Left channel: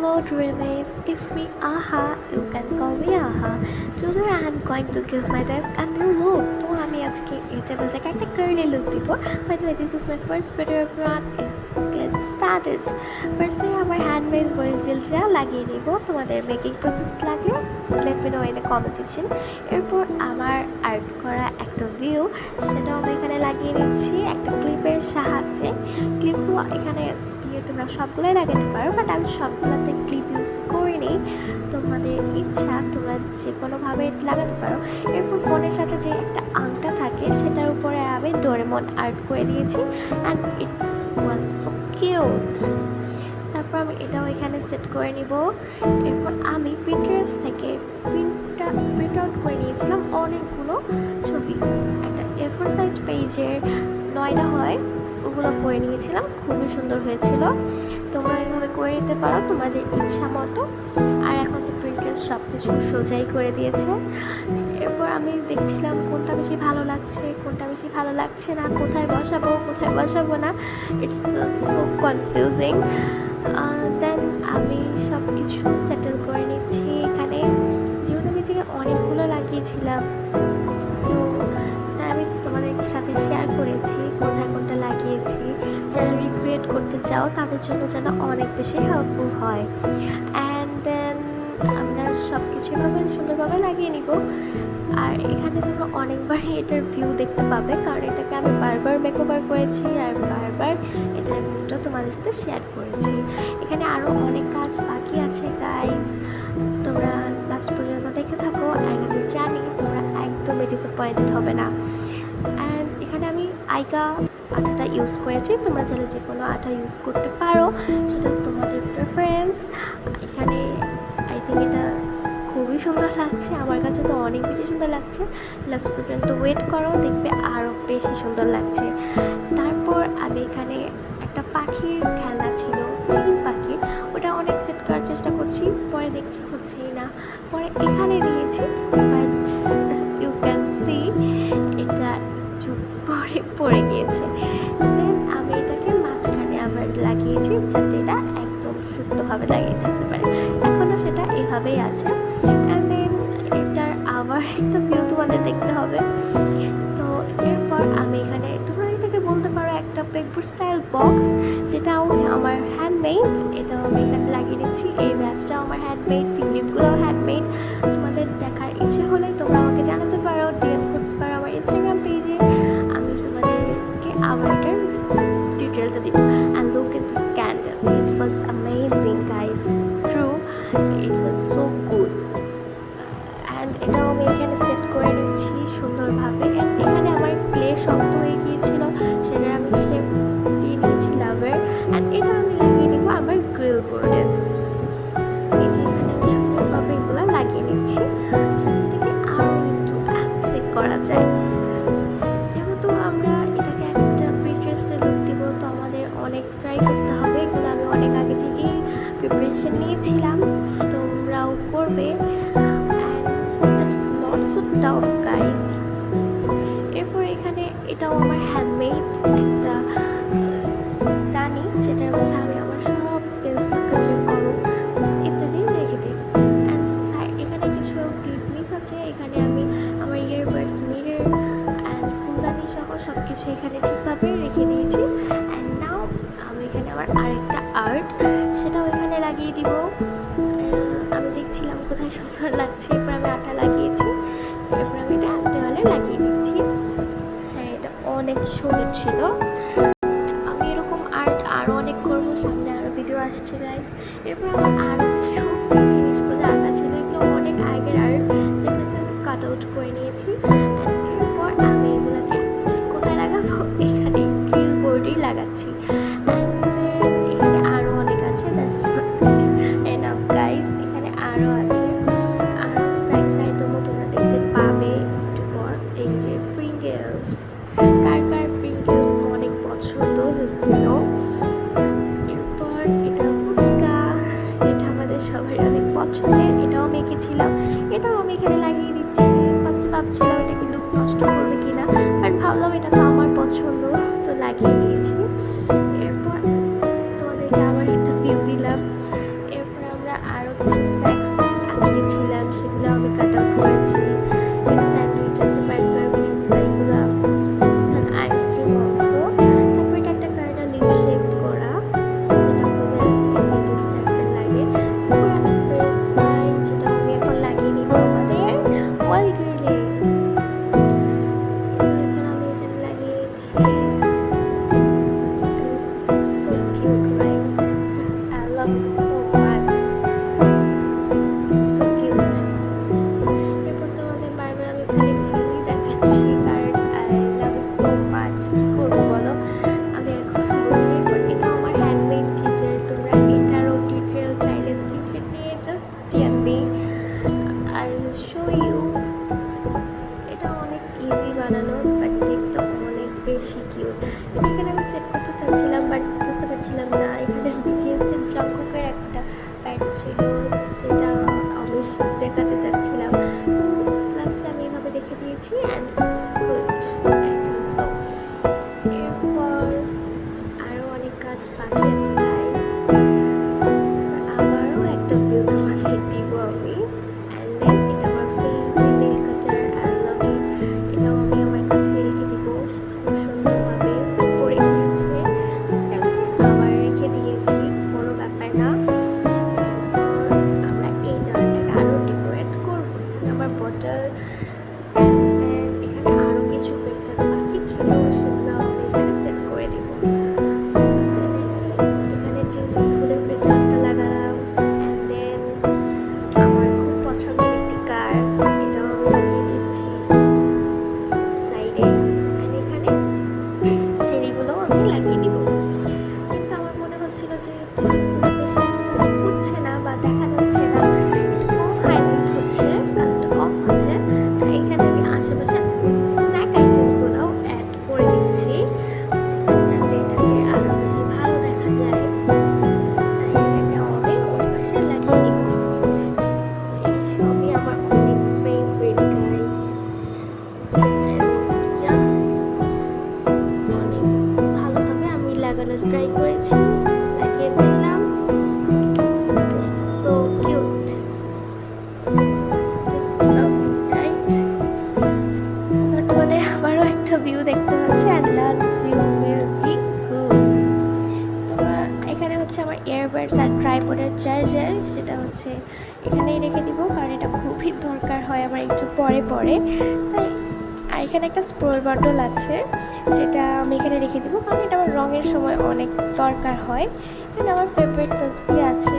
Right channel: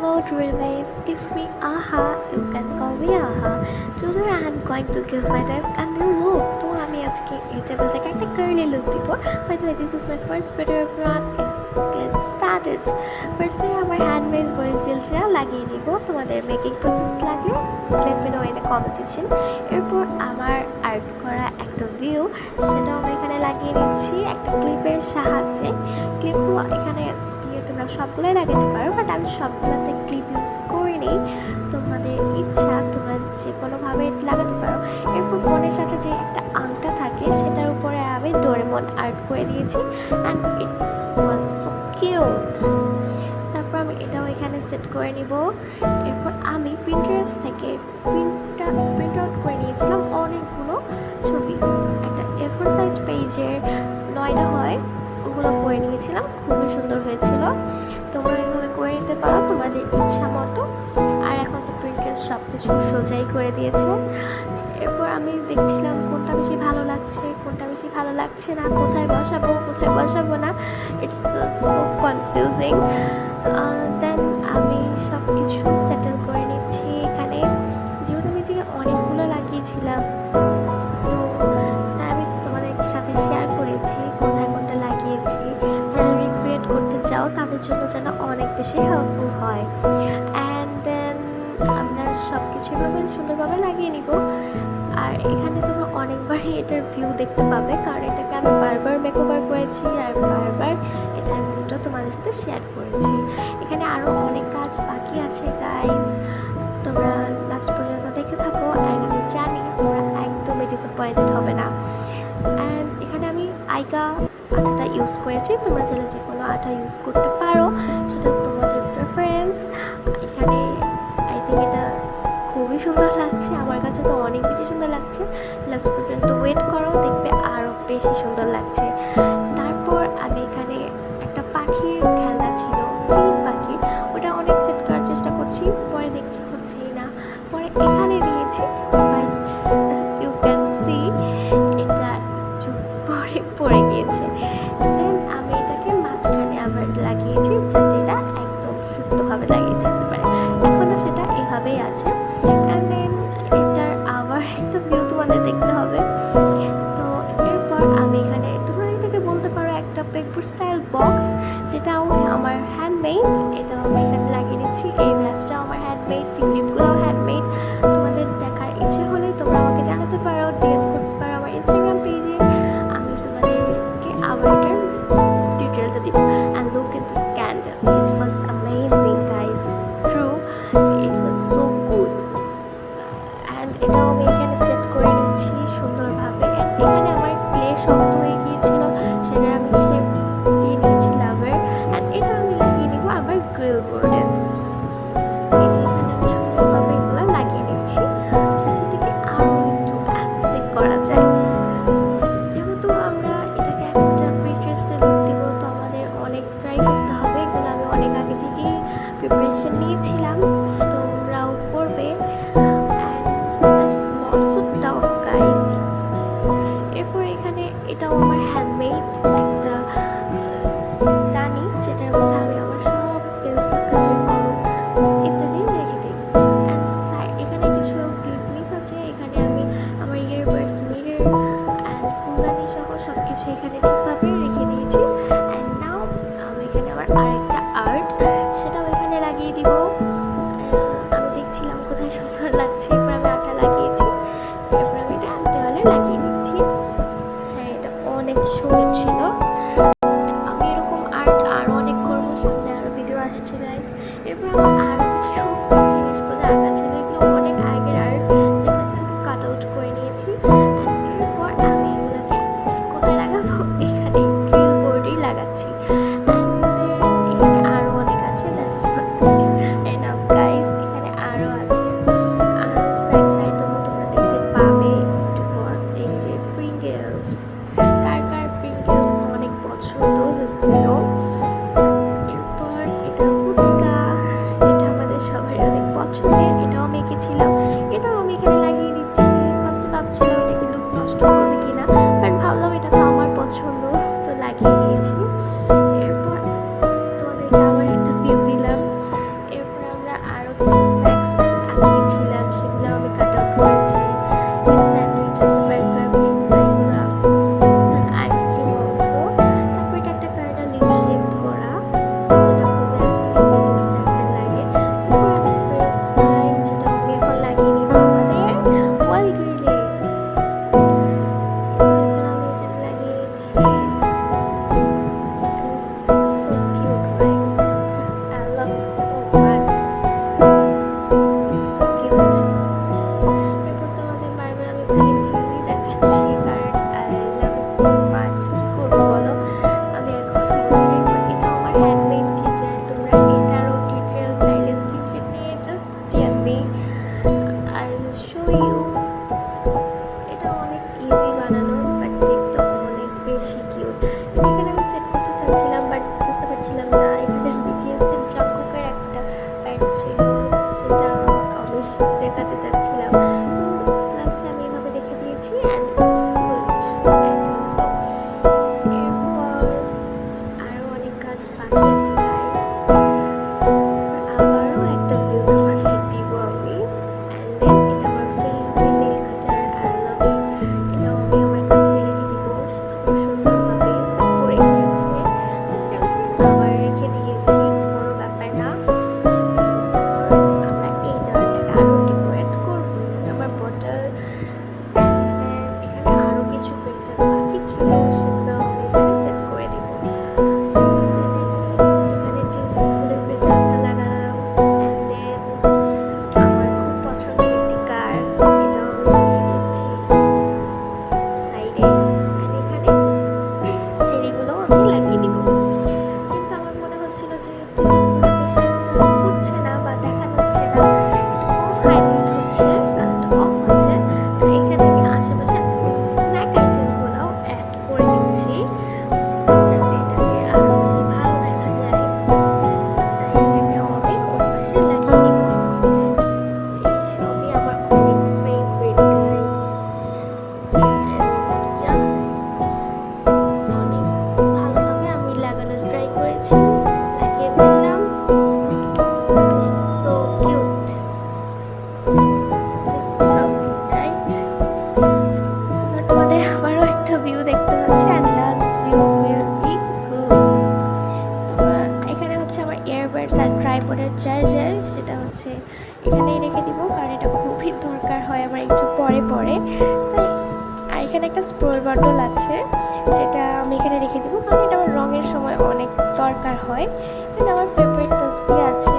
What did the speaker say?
Hello dreamers, it's me Aha, you can call me Aha. Today I am going to give my desk a new look. তো আমি আজকে এই টেবিলটাকে একটা curly look দিব। By the way, this is my first video everyone. Let's get started. Firstly আমার handmade voice জিলটা লাগিয়ে নিব। তোমাদের মেকিং প্রসেস লাগলে let me know in the comment section. এরপর আমার আর্ট করা একটা ভিউ সেটাও আমি এখানে লাগিয়ে নিচ্ছি একটা ক্লিপের সাহায্যে। ক্লিপগুলো এখানে দিয়ে তোমরা সবগুলোই লাগাতে পারো, বাট আমি সবগুলোতে ক্লিপ ইউজ করিনি। তোমাদের ইচ্ছা, তোমরা যে কোনোভাবে লাগাতে পারো। এরপর ফোনের সাথে যে একটা আংটা থাকে সেটার উপরে আমি ডোরেমন আর্ট করে দিয়েছি and it's was so cute. তারপর আমি এটাও এখানে সেট করে নিব। এরপর আমি পিন্টারেস্ট থেকে প্রিন্ট আউট করে নিয়েছিলাম অনেকগুলো ছবি, একটা A4 সাইজ পেজের 9টা হয় ওগুলো করে নিয়েছিলাম, খুবই সুন্দর হয়েছিল। তোমরা এভাবে করে নিতে পারো তোমাদের ইচ্ছা মতো। আর এখন তো প্রিন্টারেস্ট সব কিছু সোজাই করে দিয়েছে। এরপর আমি দেখছিলাম কোনটা বেশি ভালো লাগছে, কোনটা বেশি ভালো লাগছে না, কোথায় বসাবো না। It's so confusing. দেন আমি সব কিছু সেটেল করে নিচ্ছি এখানে। যেহেতু আমি যে অনেকগুলো লাগিয়েছিলাম, তো তাই আমি তোমাদের সাথে শেয়ার করেছি কোথায় কোনটা লাগিয়েছি। যারা রিক্রিয়েট করতে চাও তাদের জন্য যেন অনেক বেশি হেল্পফুল হয়। অ্যান্ড দেন আমরা সব কিছু এভাবে সুন্দরভাবে লাগিয়ে নিব। আর এখানে তোমরা অনেকবারই এটার ভিউ দেখতে পাবে, কারণ এটাকে আমি বারবার মেকওভার করেছি আর বারবার এটার ভিউটা তোমাদের সাথে শেয়ার করেছি। এখানে আরও অনেক কাজ বাকি আছে গাইজ, তোমরা লাস্ট পর্যন্ত দেখে থাকো। অ্যান্ড আমি জানি তোমরা একদমই ডিসঅ্যাপয়েন্টেড হবে না। অ্যান্ড এখানে আমি আইকা আটাটা ইউজ করেছি, তোমরা চাইলে যে কোনো আটা ইউজ করতে পারো, সেটা তোমাদের প্রেফারেন্স। এখানে আই থিঙ্ক এটা খুবই সুন্দর লাগছে, আমার কাছে তো অনেক বেশি সুন্দর লাগছে। লাস্ট পর্যন্ত ওয়েট করো, দেখবে আরও বেশি সুন্দর লাগছে। তারপর আমি এখানে একটা পাখির খেলনা ছিল, চিল পাখি, ওটা অনেক সেট করার চেষ্টা করছি, পরে দেখছি হচ্ছেই না। পরে এখানে দিয়েছি, বাট ইউ ক্যান সি এটা একটু পরে গিয়েছে। দেন আমি এটাকে মাঝখানে আবার লাগিয়েছি যাতে এটা একদম সুন্দরভাবে লাগিয়ে থাকতে পারে। এখনও সেটা এভাবেই আছে। অ্যান্ড দেন এটার আবার একটা ভিউ তোমাদের দেখতে হবে। তো এরপর আমি এখানে তোমরা এটাকে বলতে পারো একটা পেকবুক স্টাইল বক্স, যেটাও আমার হ্যান্ডমেড। এটাও আমি এখানে লাগিয়ে নিচ্ছি। এই ভ্যাসটাও আমার হ্যান্ডমেড, টিউলিপগুলোও হ্যান্ডমেড। তোমাদের দেখার ইচ্ছে হলে তোমরা আমাকে জানাতে পারো, ডিএম করতে পারো আমার ইনস্টাগ্রাম পেজে। আমি তোমাদেরকে আবার এটার ডিটেলটা দিব। And look at this candle, it was amazing guys, true, it was so good. And এটাও আমি এখানে সেট করে নিচ্ছি সুন্দরভাবে। অ্যান্ড এখানে আমার ক্লে শক্ত হয়ে গিয়েছিল, সেটা আমি শেপ দিয়ে নিয়েছি লাভের। অ্যান্ড এটা আমি লাগিয়ে নিব আমার গ্রিল বোর্ডে। এই যে এখানে আমি সুন্দরভাবে এগুলো লাগিয়ে নিচ্ছি যাতে এটাকে আরও একটু অ্যাস্থেটিক করা যায়। যেহেতু আমরা এটাকে একটা প্রিন্টারেস্টে লুক দিব, তো আমাদের অনেক ট্রাই করতে হবে। এগুলো আমি অনেক আগে থেকেই প্রিপারেশন নিয়েছিলাম, তোমরাও করবে। So tough guys. এরপর এখানে এটাও আমার হ্যান্ডমেড একটা দানি, যেটার মধ্যে আমি আমার সব পেন্সিল, কাজের কলম ইত্যাদি রেখে দিই। অ্যান্ড এখানে কিছু ক্লিপ মিস আছে, এখানে আমি আমার ইয়ারবাডস, মিরর অ্যান্ড ফুলদানি সহ সব কিছু এখানে ঠিকভাবে রেখে দিয়েছি। অ্যান্ড নাও আমি এখানে আমার আরেকটা আর্ট, সেটাও এখানে লাগিয়ে দিব। আমি দেখছিলাম কোথায় সুন্দর লাগছে, এরপর আমি আটা লাগিয়েছি, এরপর আমি এটা দেওয়ালে লাগিয়ে দিচ্ছি। হ্যাঁ, এটা অনেক সুন্দর ছিল। আমি এরকম আর্ট আরও অনেক করবো, সামনে আরও ভিডিও আসছে গাইস। এরপর আমার আরও কিছু জিনিসগুলো আঁকা ছিল, এগুলো অনেক আগের আর্ট, যেগুলোকে আমি কাট আউট করে নিয়েছি। এরপর আমি এগুলোকে কোথায় লাগাবো, এখানে গ্রিল বোর্ডেই লাগাচ্ছি। অ্যান্ড দেন এখানে আরও অনেক আছে, দ্যাটস এনাফ গাইস। এখানে আরও আছে, আরও স্ন্যাক্স আইটেমও তোমরা দেখতে পাবে একটু পর। এই যে প্রিঙ্গলস, কার প্রিঙ্গলস অনেক পছন্দ, এরপর এটা ফুচকা, যেটা আমাদের সবাই অনেক পছন্দের, এটাও আমি এঁকেছিলাম, এটাও আমি এখানে লাগিয়ে দিচ্ছি। ফার্স্টে ভাবছিলাম এটাকে লুক নষ্ট করবে কিনা, বাট ভাবলাম এটা তো আমার পছন্দ, তো লাগিয়ে দিয়েছি। এরপর তোমাদেরকে আবার একটা ভিউ দিলাম। এরপর আইপডের চার্জার, সেটা হচ্ছে এখানেই রেখে দিব, কারণ এটা খুবই দরকার হয় আমার একটু পরে পরে। তাই আর এখানে একটা স্প্রে বটল আছে, যেটা আমি এখানে রেখে দিব, কারণ এটা আমার রঙের সময় অনেক দরকার হয়। এখানে আমার ফেভারিট তসবি আছে,